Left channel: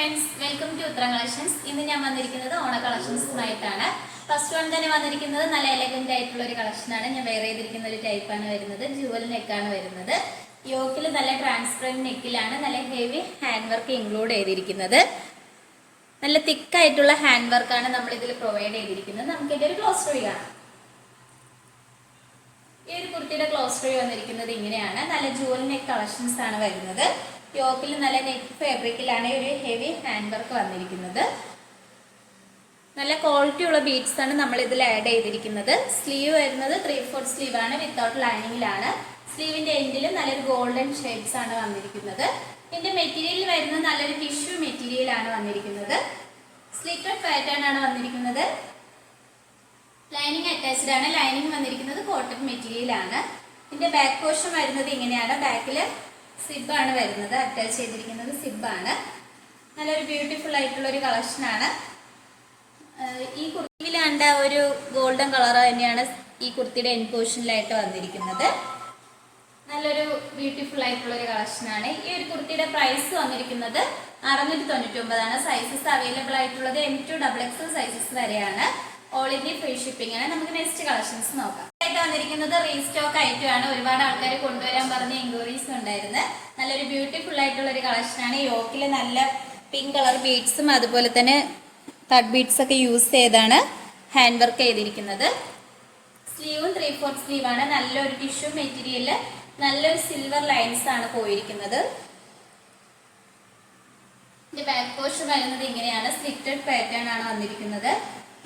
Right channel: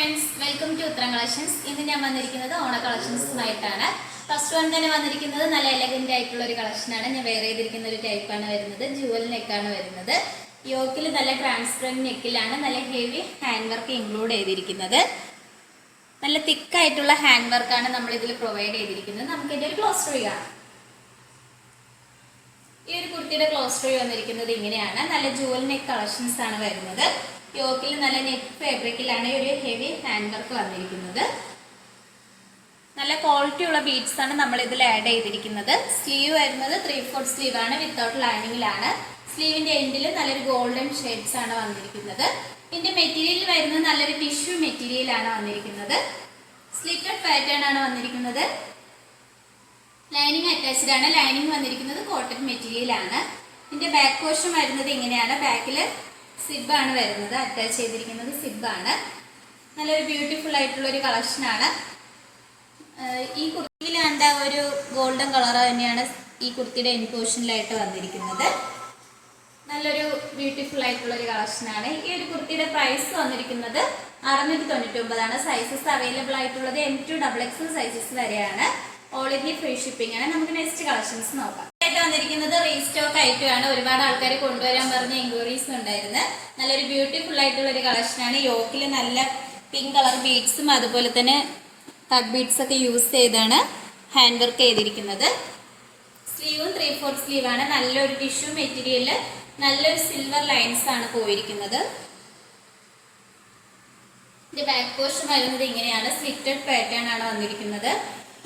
Friends, welcome to ഉത്തരം collections. ഇന്ന് ഞാൻ വന്നിരിക്കുന്നത് ഓണ കളക്ഷൻസുമായിട്ടാണ്. ഫസ്റ്റ് വൺ തന്നെ വന്നിരിക്കുന്നത് നല്ല എലഗന്റ് ആയിട്ടുള്ള ഒരു കളക്ഷനാണ്. ഞാൻ വെയർ ചെയ്തിരിക്കുന്ന ഒരു ടൈപ്പാണ് വരുന്നത്. ജുവൽ നെക്കാണ് വരുന്നത്. യോക്കിൽ നല്ല ട്രാൻസ്പെറന്റ് നെക്കിലാണ് നല്ല ഹെവി ഹാൻഡ് വർക്ക് ഇൻക്ലൂഡ് ചെയ്തിരിക്കുന്നത്. നല്ല തിക്കായിട്ടുള്ള ഹാൻഡ് വർക്കാണ് നമ്മൾ ഇതിൽ പ്രൊവൈഡ് ചെയ്തിരിക്കുന്നത്. നമുക്ക് ഇതിന്റെ ഒരു ക്ലോസ് റീ കാണാം. ഈ ഒരു കുർത്തിയുടെ ക്ലോസ് റീ വന്നിരിക്കുന്നത് ഇങ്ങനെയാണ്. നല്ല ജുവൽ നെക്ക് കളക്ഷൻസ് ആണ് വരുന്നത്. യോക്കിൽ നല്ല നെറ്റ് ഫാബ്രിക്കിലാണ് ഒരു ഹെവി ഹാൻഡ് വർക്ക് വന്നിരിക്കുന്നത്. നല്ല ക്വാളിറ്റി ഉള്ള ബീഡ്സ് ആണ് നമ്മൾ ഇതിൽ ആഡ് ചെയ്തിരിക്കുന്നത്. സ്ലീവ് വരുന്നത് 3/4 സ്ലീവ് ആണ്, വിത്തൗട്ട് ലൈനിങ്ങിലാണ്. സ്ലീവിന്റെ എൻഡിൽ നല്ലൊരു ഗോൾഡൻ ഷെയ്ഡ്സ് ആണ് വന്നിരിക്കുന്നത്. ഇതിന്റെ മെറ്റീരിയൽ വരുന്നത് നല്ലൊരു ടിഷ്യൂ മെറ്റീരിയൽ ആണ് വന്നിരിക്കുന്നത്. സ്ലിറ്റഡ് പാറ്റേൺ ആണ് വന്നിരിക്കുന്നത്. ലൈനിങ് അറ്റാച്ച്ഡ് ആണ്. ലൈനിങ് വന്നിരിക്കുന്നത് കോട്ടൺ മെറ്റീരിയൽ ആണ്. ഇതിന്റെ ബാക്ക് പോർഷൻ വരുന്നത് ഇങ്ങനെയാണ്. ബാക്കില് സിബ് ആണ് വരുന്നത്. അറ്റാച്ച് ചെയ്തിരിക്കുന്നത് സിബ് ആണ്. നല്ലൊരു ബ്യൂട്ടിഫുൾ ആയിട്ടുള്ള ഒരു കളക്ഷൻ ആണ്. ഈ കുർത്തിയിൽ കണ്ട ഒരു ഗോൾഡൻ കളർ തന്നെയാണ് ഈ കുർത്തിയുടെ എൻ പോർഷനിലായിട്ട് വന്നിരിക്കുന്നത്. നല്ലൊരു ബ്യൂട്ടിഫുൾ ആയിട്ടുള്ള ഒരു കളക്ഷൻ ആണ്. ഈ ഒരു കുർത്തിയുടെ പ്രൈസ് വന്നിരിക്കുന്നത് 699 ആണ്. സൈസസ് അവൈലബിൾ ആയിട്ടുള്ളത് M2XXL സൈസസ് വരെയാണ്. ഓൾ ഇന്ത്യ ഫ്രീ ഷിപ്പിംഗ് ആണ്. നമുക്ക് നെക്സ്റ്റ് കളക്ഷൻസ് നോക്കാം. വന്നിരിക്കുന്നത് റീസ്റ്റോക്ക് ആയിട്ടുമാണ്. ഒരുപാട് ആൾക്കാർ കൊണ്ടുവരാൻ പറഞ്ഞ എൻക്വയറീസ് ഉണ്ടായിരുന്നു. നല്ലൊരു ബ്യൂട്ടിഫുൾ ആയിട്ടുള്ള ഒരു കളക്ഷൻ ആണ്. യോക്കിൽ നല്ല പിങ്ക് കളർ ബീഡ്സും അതുപോലെ തന്നെ കട്ട് ബീഡ്സ് ഒക്കെ യൂസ് ചെയ്താണ് ഹാൻഡ് വർക്ക് ചെയ്തിരിക്കുന്നത്. സ്ലീവും 3/4 സ്ലീവ് ആണ്. നല്ലൊരു ടിഷ്യൂ മെറ്റീരിയല്, നല്ലൊരു സിൽവർ ലൈൻസ് ആണ് പോയിരിക്കുന്നത്. ഇതിന്റെ ബാക്ക് പോർഷൻ വരുന്നത് ഇങ്ങനെയാണ്. സ്ലിറ്റഡ് പാറ്റേൺ ആണ് വന്നിരിക്കുന്നത്.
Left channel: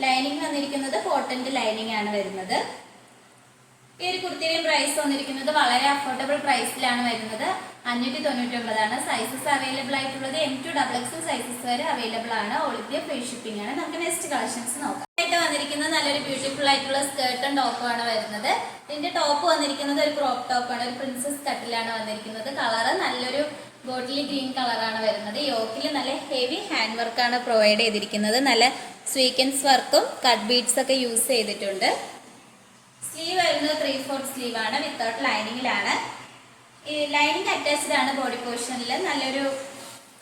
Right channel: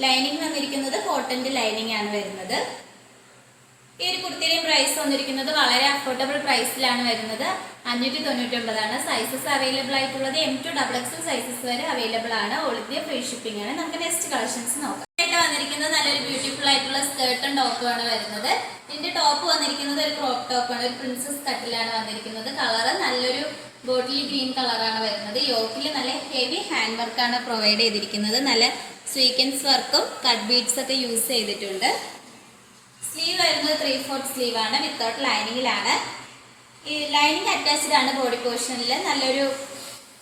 ലൈനിങ് വന്നിരിക്കുന്നത് കോട്ടന്റെ ലൈനിങ് ആണ് വരുന്നത്. ഈ ഒരു കുർത്തിയുടെ പ്രൈസ് വന്നിരിക്കുന്നത് വളരെ അഫോർഡബിൾ പ്രൈസിലാണ് വരുന്നത്. 599 ആണ്. സൈസസ് അവൈലബിൾ ആയിട്ടുള്ളത് M2XXL സൈസസ് വരെ അവൈലബിൾ ആണ്. ഓൾ ഇന്ത്യ ഫ്രീ ഷിപ്പിംഗ് ആണ്. നമുക്ക് നെക്സ്റ്റ് കളക്ഷൻസ് നോക്കാം. ആയിട്ട് വന്നിരിക്കുന്നത് നല്ലൊരു ബ്യൂട്ടിഫുൾ ആയിട്ടുള്ള സ്കേർട്ടും ടോപ്പും ആണ് വരുന്നത്. ഇതിന്റെ ടോപ്പ് വന്നിരിക്കുന്നത് ഒരു ക്രോപ്പ് ടോപ്പ് ആണ്. ഒരു പ്രിൻസസ് കട്ടിലാണ് വന്നിരിക്കുന്നത്. കളർ നല്ലൊരു ബോട്ടിൽ ഗ്രീൻ കളറാണ് വരുന്നത്. യോക്കിൽ നല്ല ഹെവി ഹാൻഡ് വർക്കാണ് പ്രൊവൈഡ് ചെയ്തിരിക്കുന്നത്. നല്ല സ്വീക്കൻസ് വർക്കും കട്ട് ബീഡ്സ് ഒക്കെ യൂസ് ചെയ്തിട്ടുണ്ട്. സ്ലീവ് വരുന്നത് 3/4 സ്ലീവ് ആണ്, വിത്തൗട്ട് ലൈനിങ്ങിലാണ്. ഈ ലൈനിങ് അറ്റാച്ച്ഡ് ആണ് ബോഡി പോർഷനിൽ. നല്ലൊരു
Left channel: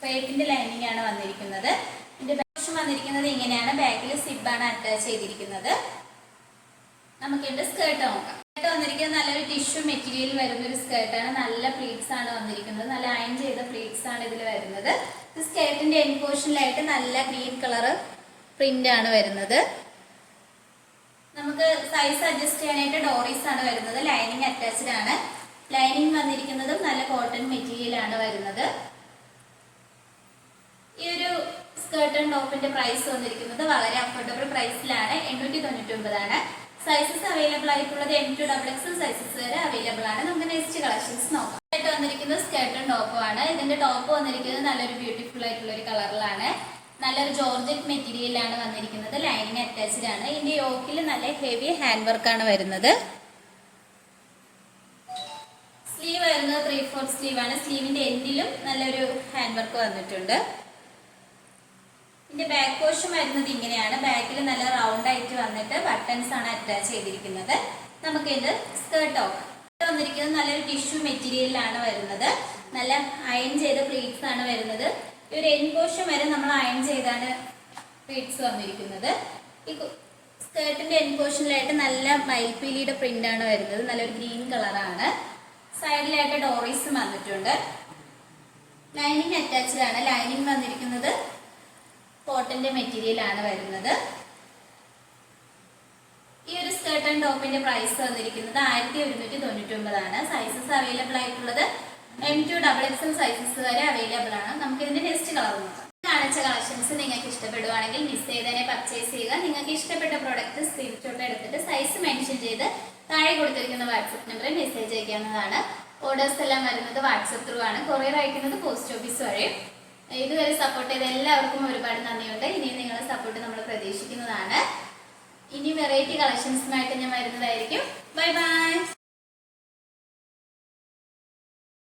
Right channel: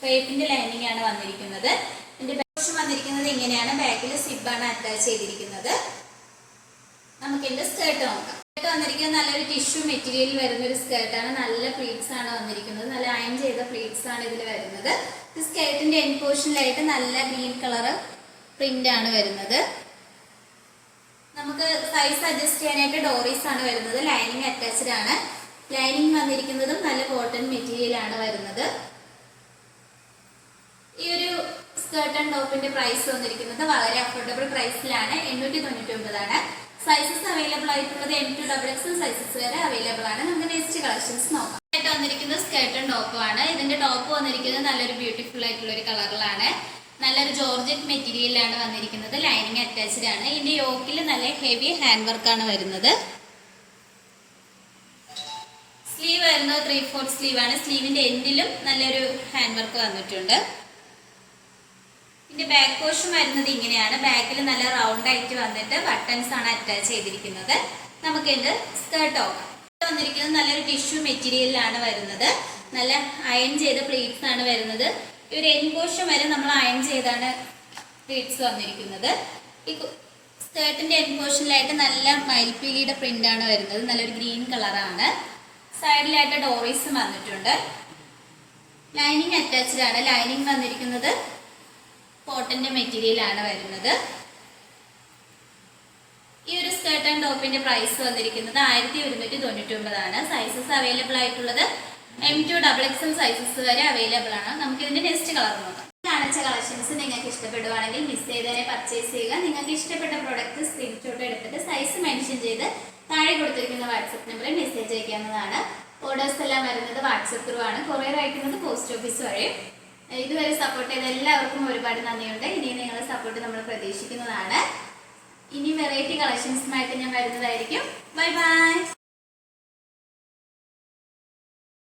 ക്രേപ്പിന്റെ ലൈനിങ് ആണ് വന്നിരിക്കുന്നത്. ഇതിന്റെ പോർഷൻ വന്നിരിക്കുന്നത് ഇങ്ങനെയാണ്. ബാക്കിൽ സിബ് ആണ് അറ്റാച്ച് ചെയ്തിരിക്കുന്നത്. നമുക്ക് ഇതിന്റെ സ്കേർട്ട് നോക്കാം. സ്കേർട്ട് വന്നിരിക്കുന്നത് നല്ലൊരു ടിഷ്യൂ മെറ്റീരിയൽ വരുന്ന ഒരു സ്കേർട്ടാണ്. നല്ല പ്ലീറ്റ്സ് ആണ് വന്നിരിക്കുന്നത്. നല്ല അയൺ ചെയ്ത പ്ലീറ്റ്സ് ആണ് ഇതിൽ വരുന്നത്. ഈ സ്കേർട്ടിന്റെ എൻഡ് പോർഷനിലായിട്ട് നല്ല ഗ്രീൻ കളർ പ്രിന്റ് ആണ് വരുന്നത്. നമുക്ക് സൈസ് അഡ്ജസ്റ്റ് ചെയ്യാനായിട്ട് ഡോറീസ് ആണ് വരുന്നത്. ലൈനിങ് അറ്റാച്ച്ഡ് ആണ്. ലൈനിങ് വന്നിരിക്കുന്നതും നല്ല കോട്ടൺ മെറ്റീരിയൽ ആണ് വരുന്നത്. ഈ ഒരു സ്കേർട്ട് ആൻഡ് ടോപ്പിന്റെ പ്രൈസ് വന്നിരിക്കുന്നത് വളരെ അഫോർഡബിൾ പ്രൈസിലാണ്. 899 ആണ്. സൈസസ് അവൈലബിൾ ആയിട്ടുള്ളത് M2XXL സൈസസ് വരെ അവൈലബിൾ ആണ്. നമുക്ക് നെക്സ്റ്റ് കളക്ഷൻസ് നോക്കാം. ആയിട്ട് വന്നിരിക്കുന്നത് സ്കേർട്ട് ആൻഡ് ടോപ്പും ആണ്. ഇതിന്റെ ടോപ്പ് വന്നിരിക്കുന്നത് നല്ലൊരു ബ്യൂട്ടിഫുൾ ആയിട്ടുള്ള ഒരു കളറിലാണ്. നല്ലൊരു ജോർജറ്റ് മെറ്റീരിയലാണ് വന്നിരിക്കുന്നത്. ലൈനിങ് അറ്റാച്ച്ഡ് ആണ്. ഇതിന്റെ യോക്കിൽ നല്ല ഹെവി ഹാൻഡ് വർക്കാണ് വരുന്നത്. സ്ലീവ് വരുന്നത് 3/4 സ്ലീവ് ആണ്. സ്ലീവിന്റെ എൻഡിലും നല്ലൊരു ഹാൻഡ് വർക്ക് വന്നിട്ടുണ്ട്. ഇതിന്റെ ബാക്ക് പോർഷൻ വരുന്നത് ഇങ്ങനെയാണ്. ബാക്കിൽ നല്ല റൗണ്ട് ആയിട്ട് വന്നിട്ട് ബട്ടൺസ് ആണ് അറ്റാച്ച് ചെയ്തിരിക്കുന്നത്. നമുക്ക് ഇതിന്റെ സ്കേർട്ട് നോക്കാം. വന്നിരിക്കുന്നത് നല്ലൊരു ടിഷ്യൂ മെറ്റീരിയലിലാണ് വരുന്നത്. നല്ല അയൺ ചെയ്ത പ്ലീറ്റ്സ് ആണ് വരുന്നത്. ഈ ഒരു എൻഡ് പോർഷൻ വരെ നമ്മൾ അയൺ ചെയ്താണ് പ്ലീറ്റ്സ് വന്നിരിക്കുന്നത്. ഈ സ്കേർട്ടിന്റെ എൻഡ് പോർഷനിലായിട്ട് നല്ല മയിൽപീലിയുടെ പ്രിന്റ് ആണ് വരുന്നത്. നല്ലൊരു ഗ്രീൻ കളറാണ്. സൈഡിലായിട്ട് ഡോറീസും വന്നിട്ടുണ്ട്. ലൈനിങ് അറ്റാച്ച്ഡ് ആണ്. ലൈനിങ് വന്നിരിക്കുന്നത് കോട്ടന്റെ മെറ്റീരിയൽ ആണ് വരുന്നത്. ഈ ഒരു സ്കേർട്ട് ആൻഡ് ടോപ്പിന്റെ പ്രൈസ് വന്നിരിക്കുന്നത് 1199 ആണ്. സൈസസ് അവൈലബിൾ ആയിട്ടുള്ളത് M2XXL സൈസസ് വരെ അവൈലബിൾ ആണ്. നമുക്ക് ഇതിന്റെ നെക്സ്റ്റ് കളർ നോക്കാം. കാണിച്ച കളക്ഷൻസ് നിങ്ങൾക്ക് ഇഷ്ടപ്പെടുവാണെങ്കിൽ മിസ് ചെയ്തതിനെ പർച്ചേസ് ചെയ്യുക. നിങ്ങൾക്ക് ഇഷ്ടപ്പെട്ട പ്രോഡക്റ്റ് സ്ക്രീൻഷോട്ട് എടുത്തിട്ട് സൈസ് മെൻഷൻ ചെയ്ത് താഴെ കൊടുത്തിരിക്കുന്ന വാട്സപ്പ് നമ്പറിൽ മെസ്സേജ് അയക്കാവുന്നതാണ്. ഓർഡേഴ്സ് എല്ലാം വരുന്നത് വാട്സപ്പ് ത്രൂ ആണ്. കൊറിയർ അയക്കുന്നത് പോസ്റ്റ് ഓഫീസ് വഴി. ഇതുവരെ സപ്പോർട്ട് ചെയ്ത എല്ലാവർക്കും ഒരുപാട് നന്ദിയുണ്ട്. ഇനി നിങ്ങളുടെ സപ്പോർട്ട് നമ്മൾ പ്രതീക്ഷിക്കുന്നതാണ്. ഇനി വെറൈറ്റി കളക്ഷൻസുമായിട്ട് ഞാൻ വരുന്നതായിരിക്കും. Bye bye.